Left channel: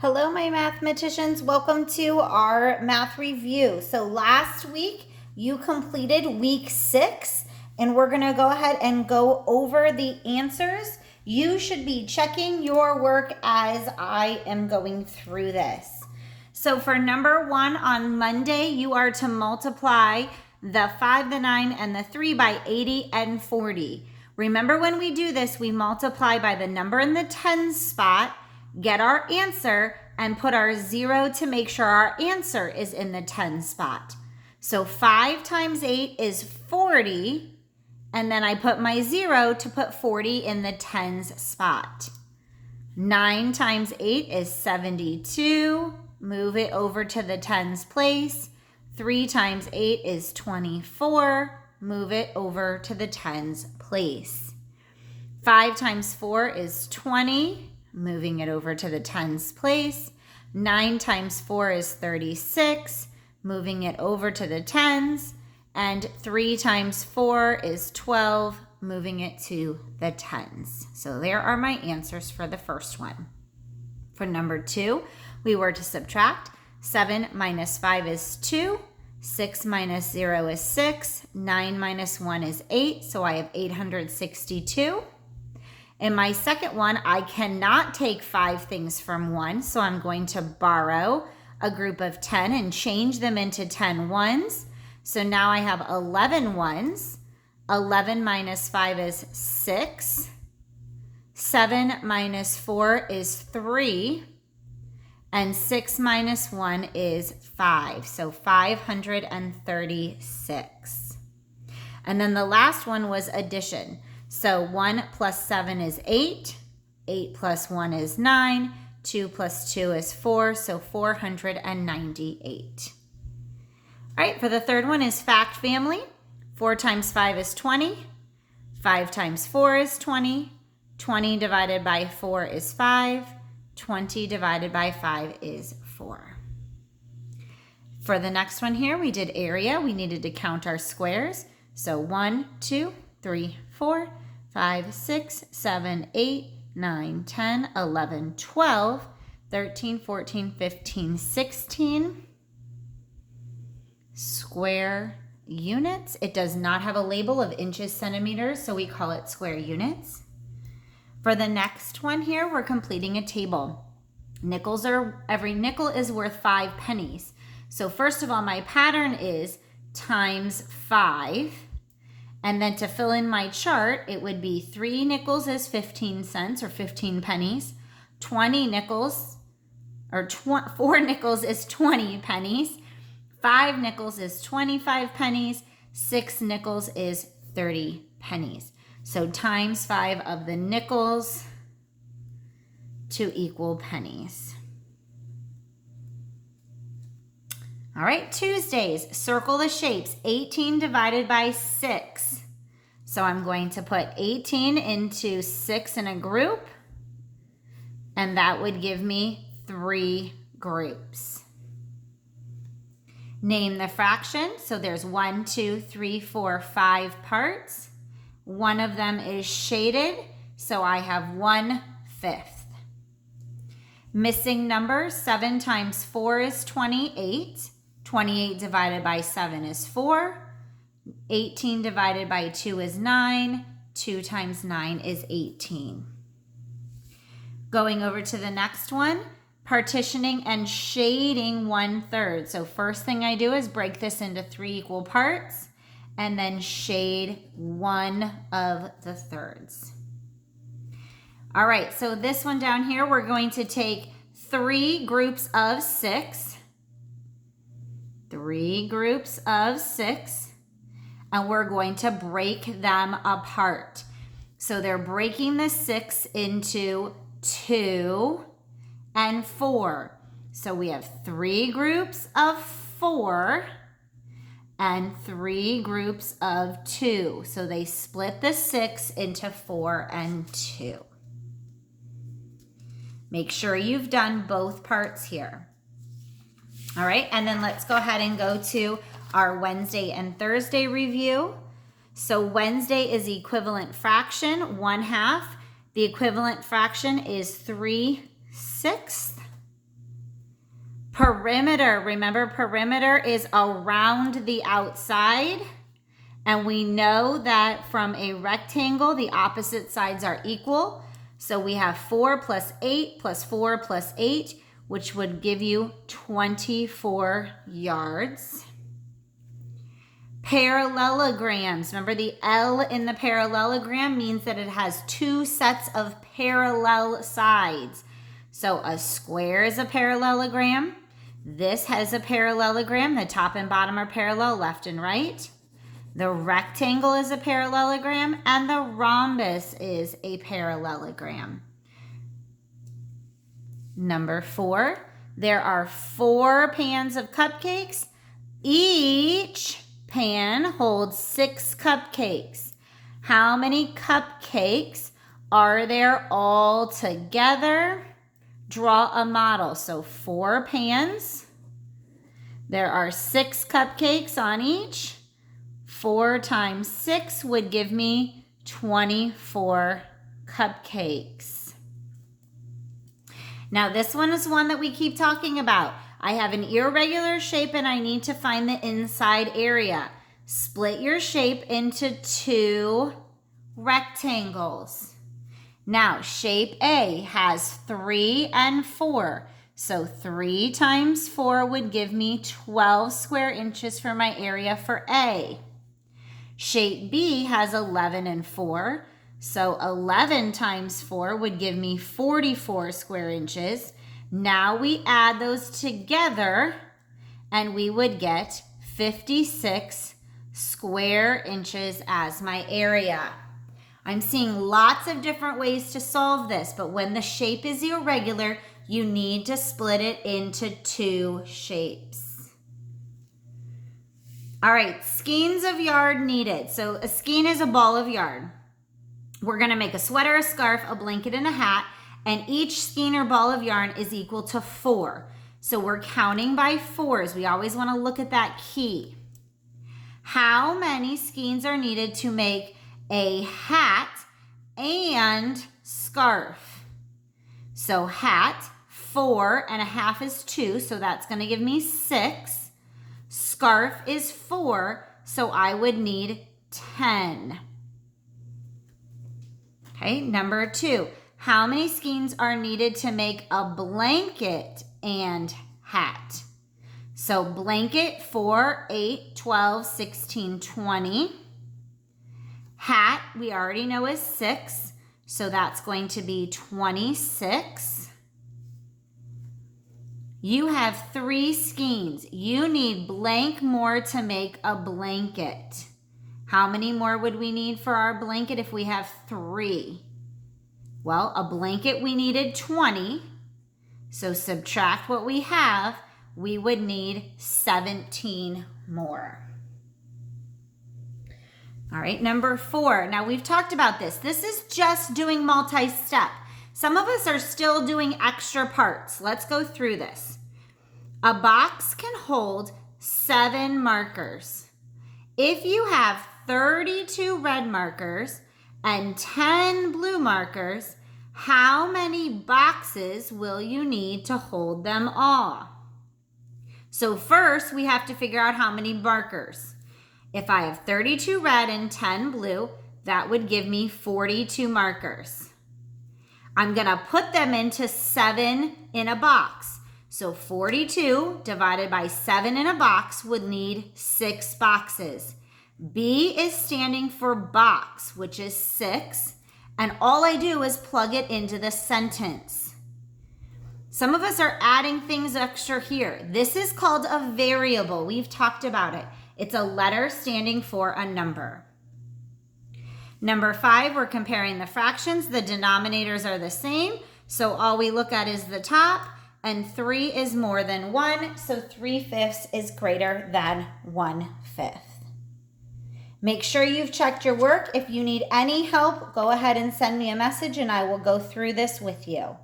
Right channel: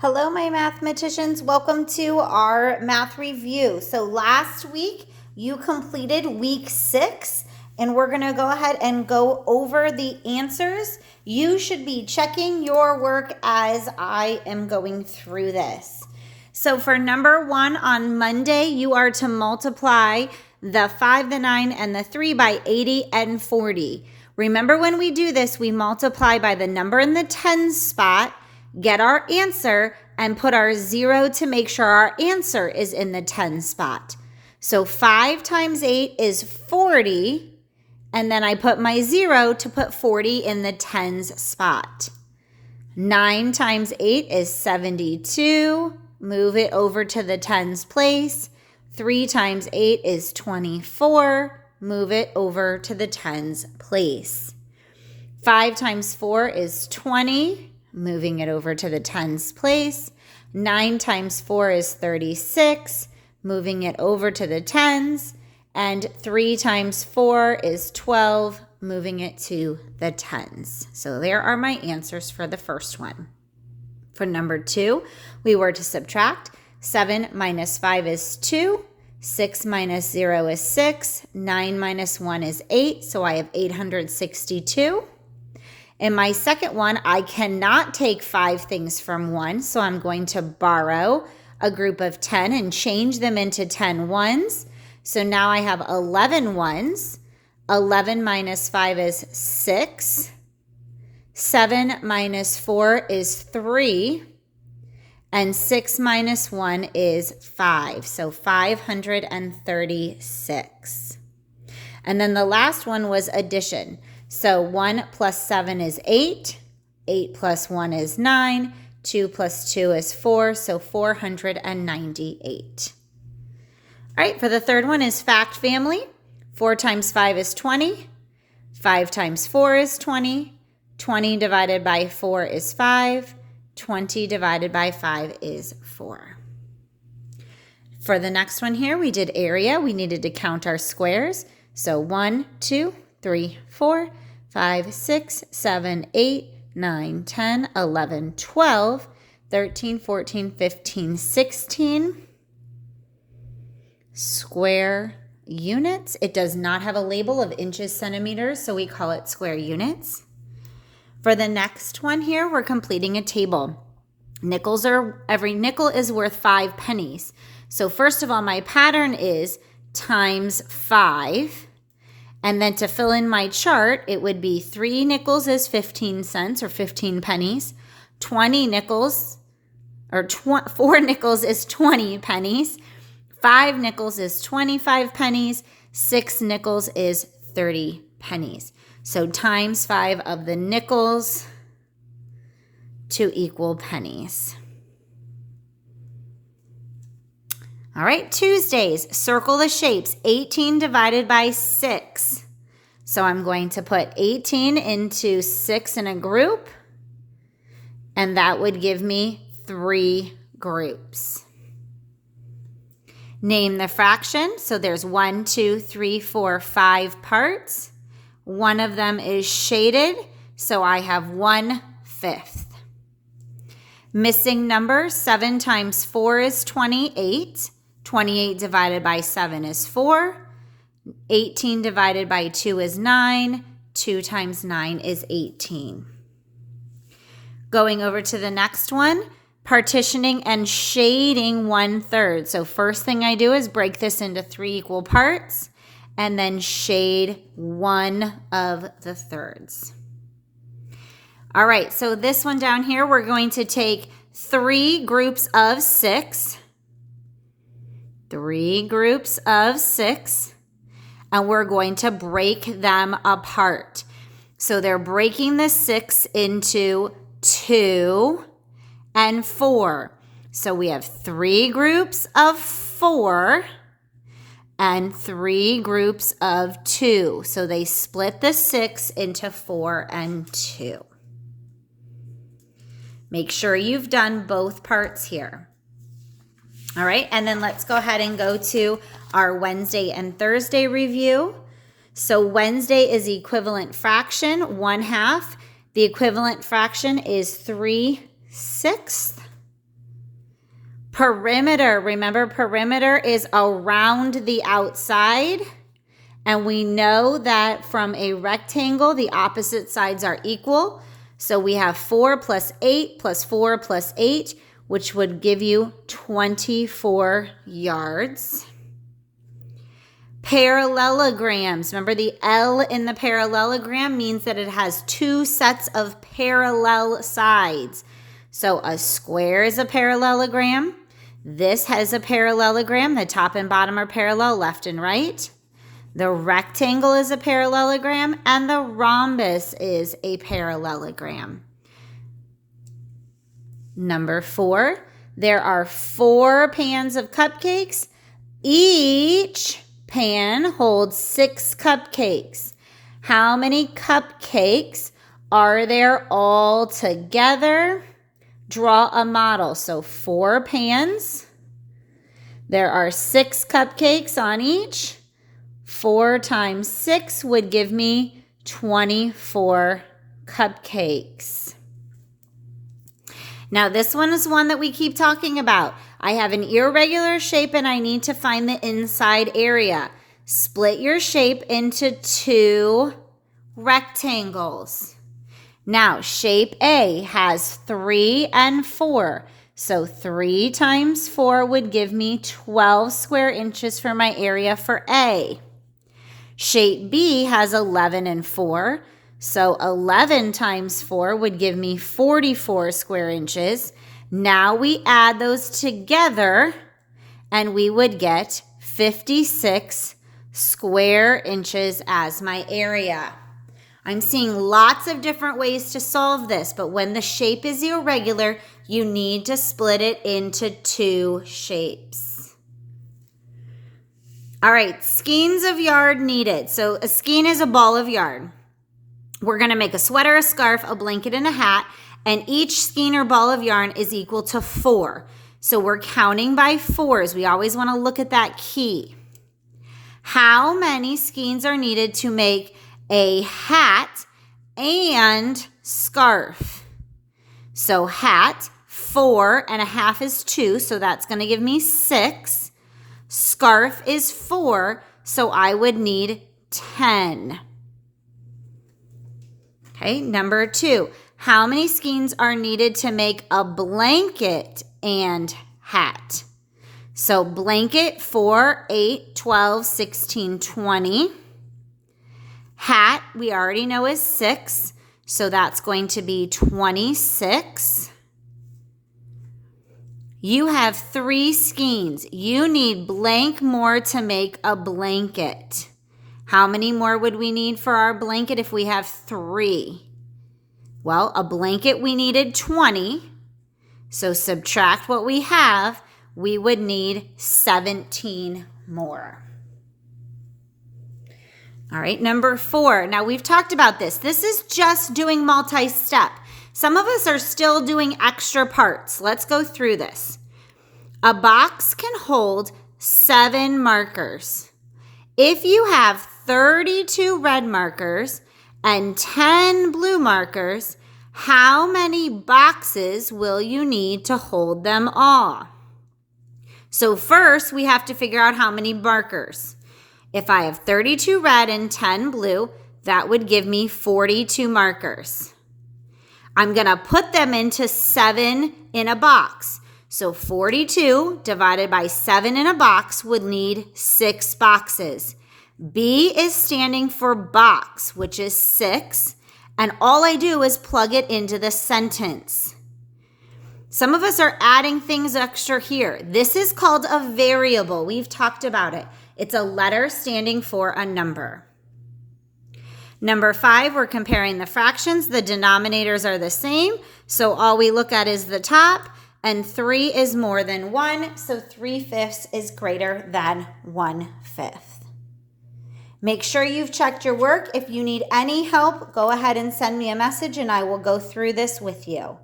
Hello, my mathematicians. Welcome to our math review. So last week you completed week 6, and we're going to go ahead and go over the answers. You should be checking your work as I am going through this. So for number 1 on Monday, you are to multiply the 5, the 9, and the 3 by 80 and 40. Remember, when we do this, we multiply by the number in the tens spot, get our answer, and put our 0 to make sure our answer is in the 10 spot. So 5 times 8 is 40, and then I put my 0 to put 40 in the tens spot. 9 times 8 is 72. Move it over to the tens place. 3 times 8 is 24. Move it over to the tens place. 5 times 4 is 20. Moving it over to the tens place. 9 times 4 is 36. Moving it over to the tens. And 3 times 4 is 12. Moving it to the tens. So there are my answers for the first one. For number 2, we were to subtract. 7 minus 5 is 2. 6 minus 0 is 6. 9 minus 1 is 8. So I have 862. In my second one, I cannot take 5 things from 1, so I'm going to borrow a group of 10 and change them into 10 ones. So now I have 11 ones. 11 minus 5 is 6. 7 minus 4 is 3. And 6 minus 1 is 5. So 536. And then the last one was addition. So 1 plus 7 is 8. 8 plus 1 is 9. 2 plus 2 is 4. So 498. All right, for the third one is fact family. 4 times 5 is 20. 5 times 4 is 20. 20 divided by 4 is 5. 20 divided by 5 is 4. For the next one here, we did area. We needed to count our squares. So 1, 2, 3, 4, 5, 6, 7, 8, 9, 10, 11, 12, 13, 14, 15, 16 square units. It does not have a label of inches, centimeters, so we call it square units. For the next one here, we're completing a table. Every nickel is worth 5 pennies. So first of all, my pattern is times 5. And then to fill in my chart, it would be 3 nickels is 15 cents or 15 pennies. 4 nickels is 20 pennies. 5 nickels is 25 pennies. 6 nickels is 30 pennies. So times 5 of the nickels to equal pennies. All right, Tuesdays, circle the shapes. 18 divided by 6. So I'm going to put 18 into 6 in a group, and that would give me 3 groups. Name the fraction. So there's 1, 2, 3, 4, 5 parts. One of them is shaded, so I have 1/5. Missing numbers, 7 times 4 is 28. 28 divided by 7 is 4. 18 divided by 2 is 9. 2 times 9 is 18. Going over to the next one, partitioning and shading 1/3. So first thing I do is break this into 3 equal parts and then shade 1 of the thirds. All right, so this one down here, we're going to take 3 groups of 6. 3 groups of 6, and we're going to break them apart. So they're breaking the 6 into 2 and 4. So we have 3 groups of 4 and 3 groups of 2. So they split the 6 into 4 and 2. Make sure you've done both parts here. All right, and then let's go ahead and go to our Wednesday and Thursday review. So Wednesday is equivalent fraction, 1/2. The equivalent fraction is 3/6. Perimeter, remember perimeter is around the outside. And we know that from a rectangle, the opposite sides are equal. So we have 4 plus 8 plus 4 plus 8, which would give you 24 yards. Parallelograms. Remember, the L in the parallelogram means that it has two sets of parallel sides. So a square is a parallelogram. This has a parallelogram. The top and bottom are parallel, left and right. The rectangle is a parallelogram, and the rhombus is a parallelogram. Number 4, there are 4 pans of cupcakes. Each pan holds 6 cupcakes. How many cupcakes are there all together? Draw a model. So 4 pans. There are 6 cupcakes on each. 4 times 6 would give me 24 cupcakes. Now this one is one that we keep talking about. I have an irregular shape and I need to find the inside area. Split your shape into 2 rectangles. Now shape A has 3 and 4. So 3 times 4 would give me 12 square inches for my area for A. Shape B has 11 and 4. So 11 times 4 would give me 44 square inches. Now we add those together and we would get 56 square inches as my area. I'm seeing lots of different ways to solve this, but when the shape is irregular, you need to split it into 2 shapes. All right, skeins of yarn needed. So a skein is a ball of yarn. We're going to make a sweater, a scarf, a blanket, and a hat, and each skein or ball of yarn is equal to 4. So we're counting by 4s. We always want to look at that key. How many skeins are needed to make a hat and scarf? So hat, 4 and a half is 2, so that's going to give me 6. Scarf is 4, so I would need 10. Okay, number 2. How many skeins are needed to make a blanket and hat? So blanket, 4, 8, 12, 16, 20. Hat, we already know is 6, so that's going to be 26. You have 3 skeins. You need blank more to make a blanket. How many more would we need for our blanket if we have 3? Well, a blanket we needed 20. So subtract what we have, we would need 17 more. All right, number 4. Now we've talked about this. This is just doing multi-step. Some of us are still doing extra parts. Let's go through this. A box can hold 7 markers. If you have 32 red markers and 10 blue markers, how many boxes will you need to hold them all? So first, we have to figure out how many markers. If I have 32 red and 10 blue, that would give me 42 markers. I'm going to put them into 7 in a box. So 42 divided by 7 in a box would need 6 boxes. B is standing for box, which is 6. And all I do is plug it into the sentence. Some of us are adding things extra here. This is called a variable. We've talked about it. It's a letter standing for a number. Number 5, we're comparing the fractions. The denominators are the same, so all we look at is the top, and 3 is more than 1, so 3/5 is greater than 1/5. Make sure you've checked your work. If you need any help, go ahead and send me a message and I will go through this with you.